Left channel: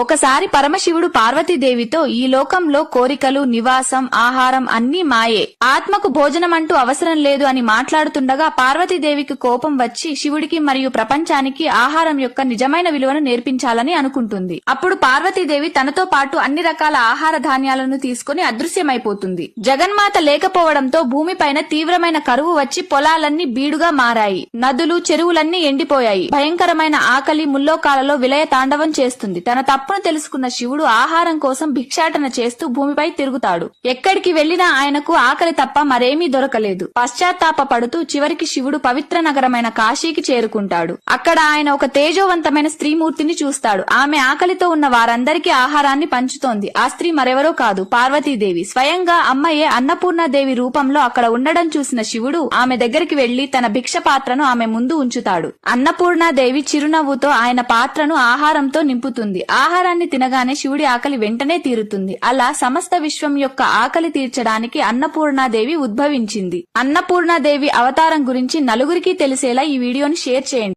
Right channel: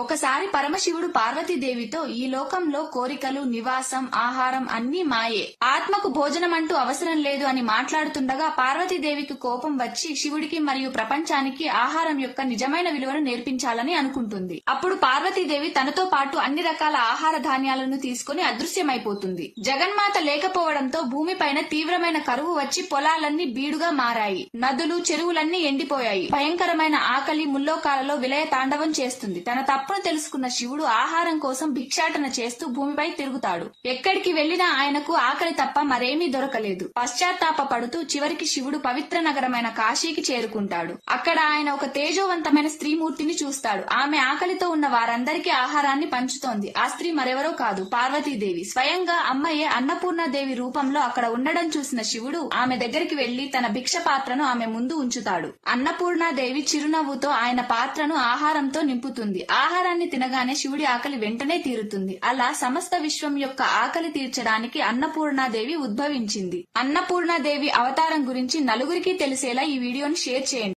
ఒకసారి పరమశివుడు పార్వతీదేవితో ఈ లోకంలో కోరికలు నివాసం ఆహారం అన్నీ మాయే. ఆత్మకు భోజనం అంటూ అవసరం లేదు అని మాట్లాడుతుండగా పార్వతీదేవికి కోపం వచ్చి శివుడికి మరియు ప్రపంచానికి ఆహారం యొక్క నిజమైన విలువను నేర్పించాలని అనుకుంటుంది. అప్పుడు పార్వతీదేవి తనతో పాటు అన్ని రకాల ఆహార ధాన్యాలను తీసుకుని అదృశ్యమైపోతుంది. జగన్మాత లేకపోవడంతో భూమిపైన తీవ్రమైన కరువు వచ్చి పొలాలన్నీ బీడుగా మారాయి. నదులు చెరువులన్నీ ఎండిపోయాయి. భయంకరమైన ఆకలి ముల్లోకాలలో విలయ తాండవం చేస్తుంది. తన తప్పును తెలుసుకున్న శివుడు ఆహారం కోసం భిక్షాటన చేస్తూ భూమిపై తిరుగుతాడు. ఎక్కడికి వెళ్ళినా ఆయనకు ఆకలి తప్ప మరేమీ దొరకలేదు. పశ్చాత్తాప పడుతూ చివరికి శివుడు పవిత్ర నగరమైన కాశీకి చేరుకుంటాడు. అక్కడ ఆయన ఒక తేజోవంతమైన స్త్రీమూర్తిని చూస్తాడు. ఆమె ఆకలితో ఉన్న వారందరికీ ఆహారాన్ని పంచుతోంది. ఆ స్త్రీ మరెవరో కాదు పార్వతీదేవి. స్వయంగా అమ్మయ్యే అన్నపూర్ణాదేవి రూపంలో అక్కడ ఉండడం చూసిన శివుడు ఆమె దగ్గరికి వెళ్ళి తన భిక్ష పాత్రను ఆమె ముందు ఉంచుతాడు. అన్నపూర్ణాదేవి చిరునవ్వుతో ఆయన పాత్రను ఆహారంతో నింపుతుంది. ఆహారాన్ని తినగానే శివుడి ఆకలి వెంటనే తీరుతుంది. అలా సమస్త విశ్వం యొక్క ఆకలి తీర్చడానికి అన్నపూర్ణాదేవి ఉద్భవించింది. అన్నపూర్ణాదేవి అవతారం గురించి నలుగురికి తెలిసేలా ఈ వీడియోని షేర్ చేయండి.